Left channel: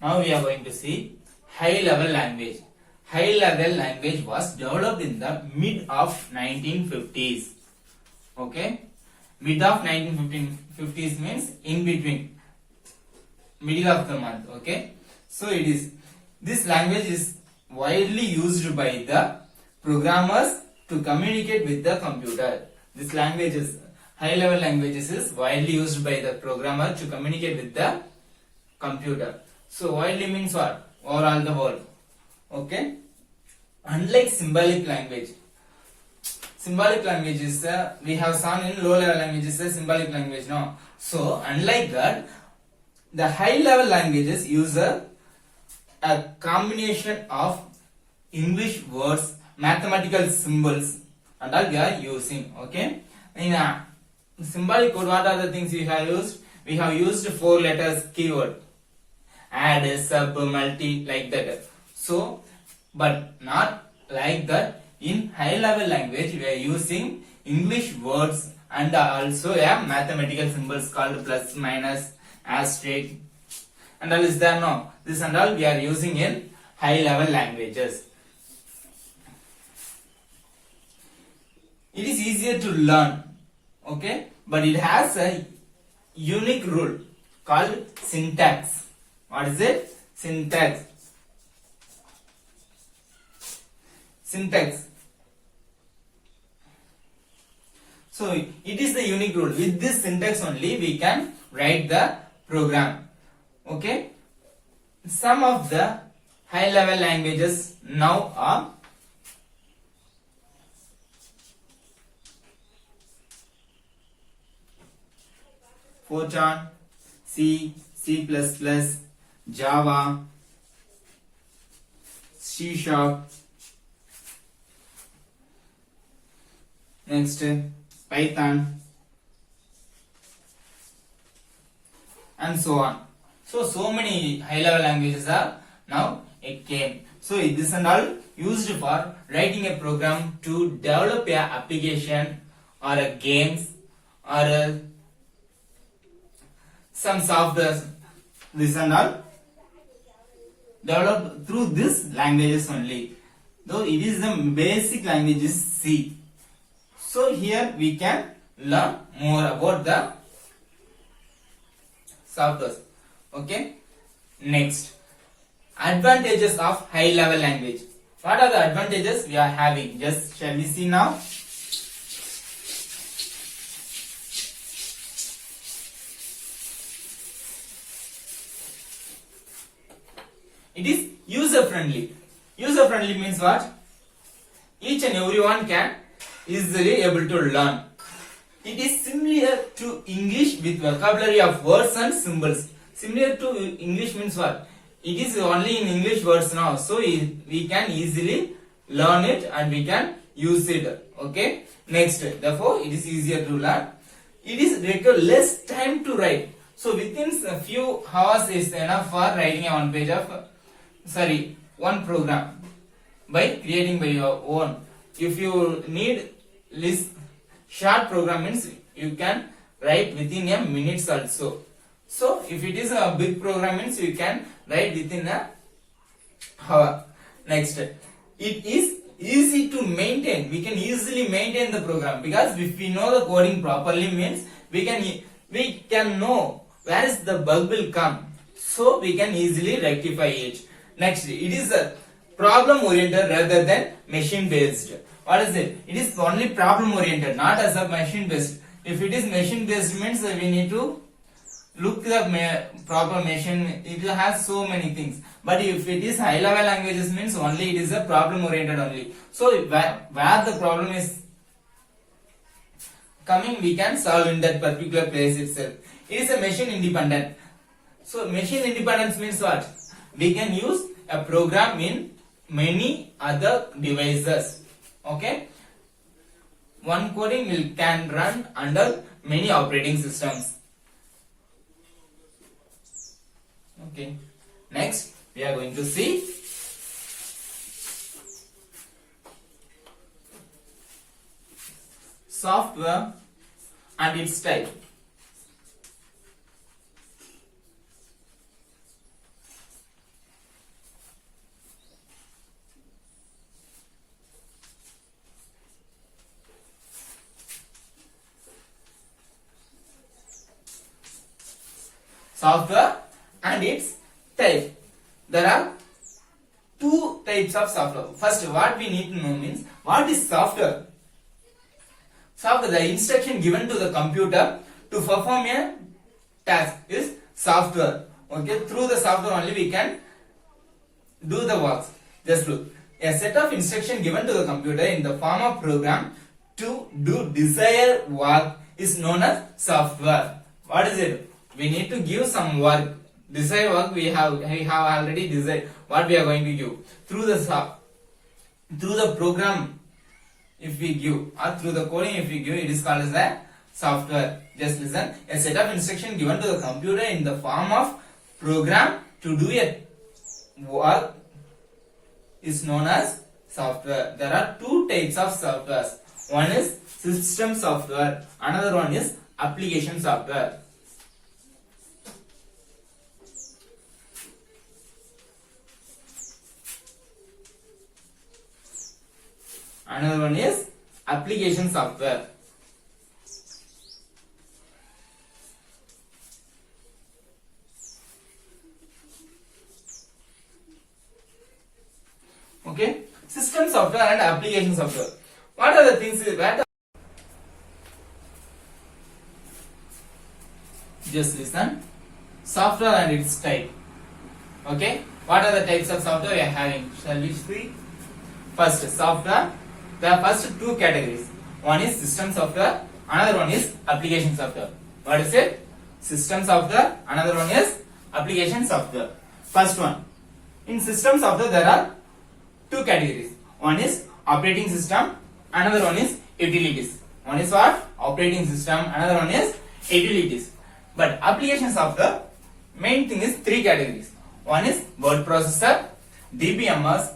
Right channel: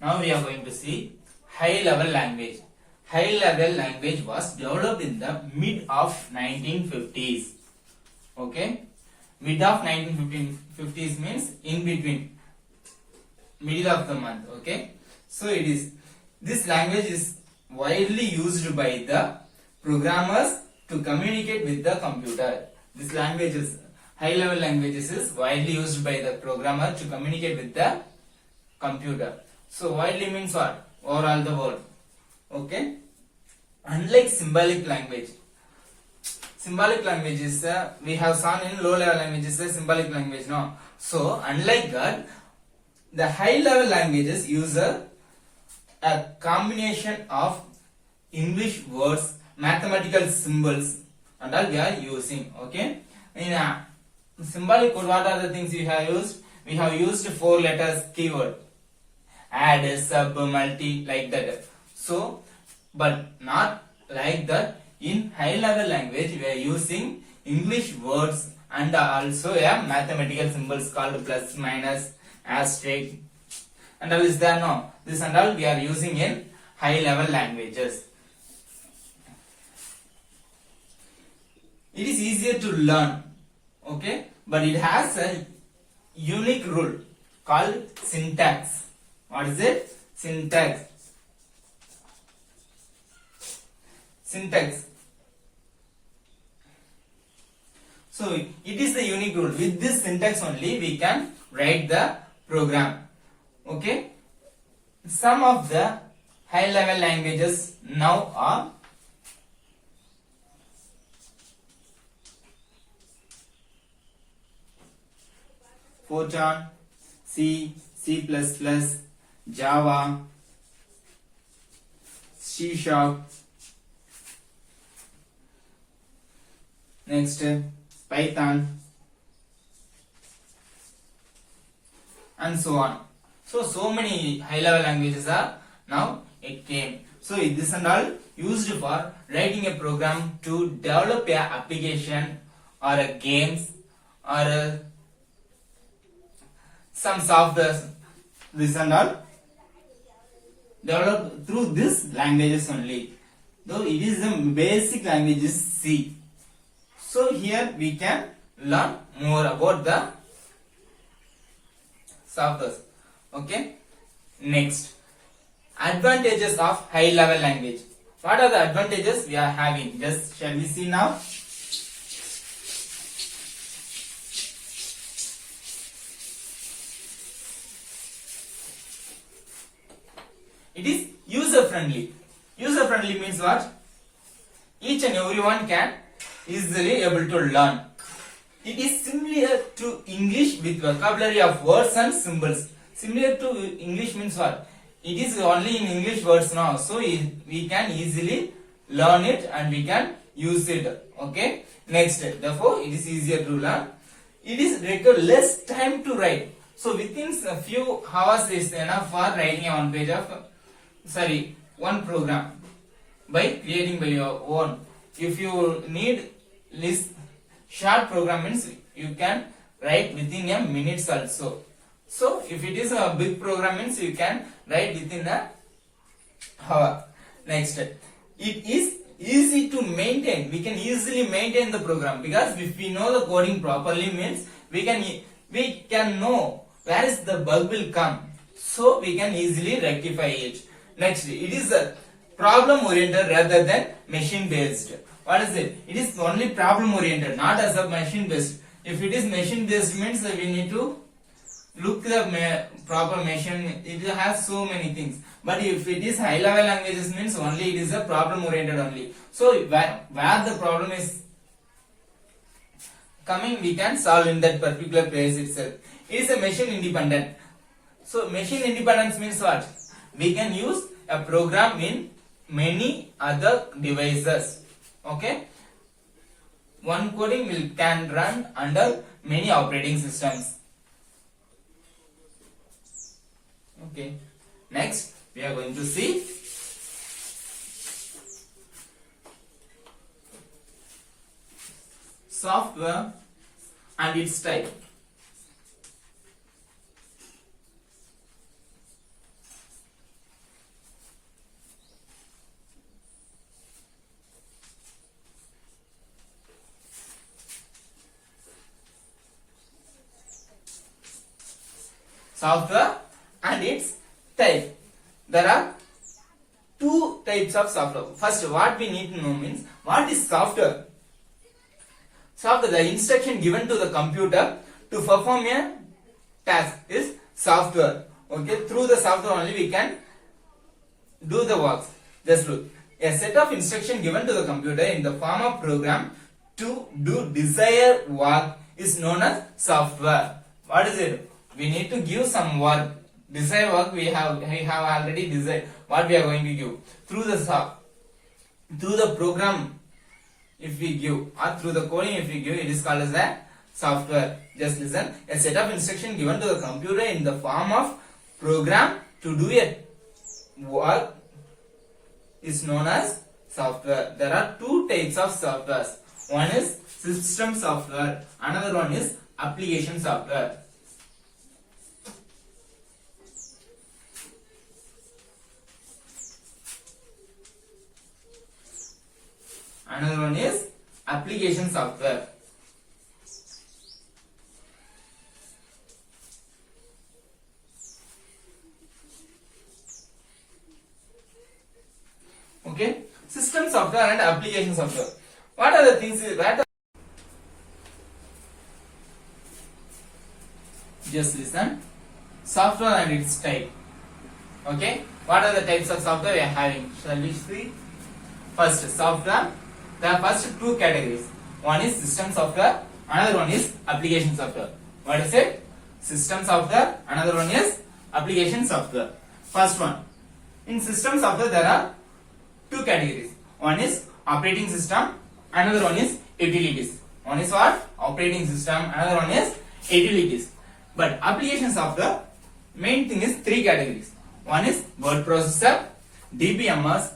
Now we are going to see high level language. High level language was developed in the mid of 1950s. Okay, mid of 1950s means in between, middle of the month. Okay, so it is, this language is widely used by the programmers to communicate with the computer. This language is, high level languages is widely used by the programmer to communicate with the computer. So widely means what? Overall the world. Okay. Unlike symbolic language, symbolic language is we have seen in low level languages symbolic language, no. So unlike that, the high level languages use a combination of English words, mathematical symbols, and all we are using. Okay. In a symbolic code, what are the things we have used? We have used 4 letters keyword, add, sub, multi, like that. So, but not like that. In high level language, we are using English words and also mathematical symbols called plus, minus, asterisk, and all is there, no. This and all we are using in high level languages. It is easier to learn, okay, but it has a unique rule called syntax. What is it? Syntax. Syntax. So it is the unique rule. With this syntax only we can write the program. Okay. Some of the high level languages now are Fortran, C, C++, Java, C Sharp, next Python, and so on. So many high level languages are now it came. So this and all used for writing a program to develop a application or a games or some software. This and all developed through these languages only. Though it is the basic language is C. So here we can learn more about the software. Okay. Next, advantages of high level language. What are the advantages we are having? Just shall we see now? It is user friendly. User friendly means what? Each and everyone can easily able to learn. It is similar to English with vocabulary of words and symbols. Similar to English means what? It is only in English words now. So we can easily learn it and we can use it. Okay. Next, therefore it is easier to learn. It is require less time to write. So within a few hours is enough for writing one page of one program by creating by your own. If you need list short program means you can write within a minutes also. So if it is a big program means you can write within a hour. Next, it is easy to maintain. We can easily maintain the program because if we know the coding properly means we can know where is the bug will come. So we can easily rectify it. Next, it is a problem oriented rather than machine based. What is it? It is only problem oriented, not as a machine based. If it is machine based means we need to look the proper machine. It has so many things. But if it is high level languages means only it is a problem oriented only. So where the problem is coming, we can solve in that particular place itself. It is a machine independent. So machine independence means what? We can use a program in many other devices. Okay. One coding can run under many operating systems. Okay. Next, we are going to see software and its type. software and its type. There are two types of software. First, what we need to know means what is software? Software, the instruction given to the computer to perform a task is software. Okay, through the software only we can do the works. Just look, a set of instruction given to the computer in the form of program to do desired work is known as software. What is it? We need to give some work. Desired work we have already decided what we are going to give through the program. If we give or through the coding if we give, it is called as the software. Just listen, a set of instruction given to the computer in the form of program to do a work is known as software. There are two types of software. One is system software, another one is application software. Another one is application software. Okay, system software and application software. What are the things? Just listen. Software and its type. Okay, what are the types of software we are having? Shall we see? First, software. There are first two categories. One is system software, another one is application software. What is it? System software, another one is application software. First one, in system software there are two categories. One is operating system, another one is utilities. One is what? Operating system, another one is utilities. But application software, main thing is three categories. One is word processor, DBMS,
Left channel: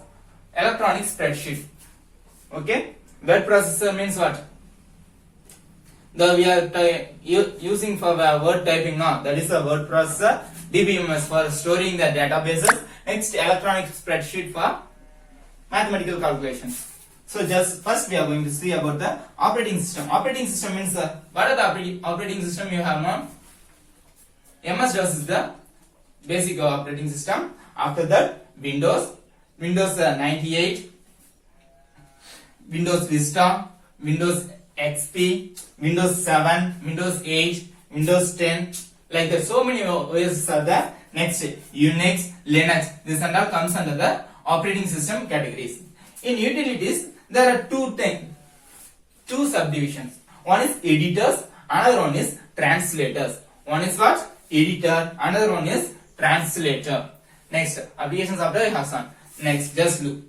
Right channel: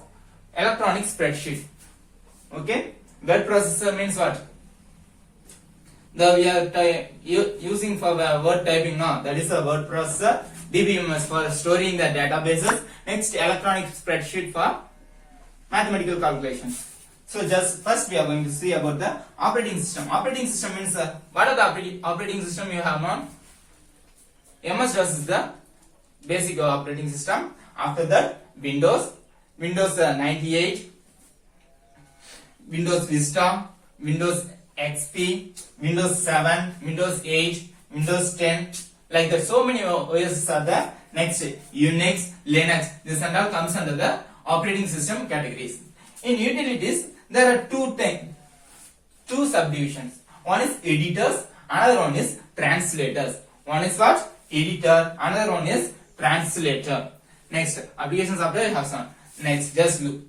electronic spreadsheet. Okay, word processor means what? We are using for word typing now. That is a word processor. DBMS for storing the databases. Next, electronic spreadsheet for mathematical calculations. So just first we are going to see about the operating system. Operating system means what are the operating system you have now? MS-DOS is the basic operating system. After that, Windows 98. Windows Vista, Windows XP, Windows 7, Windows 8, Windows 10, like that. So many OS are there. Next, Unix, Linux. This and all comes under the operating system categories. In utilities, there are two subdivisions. One is editors, another one is translators. One is what? Editor, another one is translator. Next, application software I have some. Next, just look.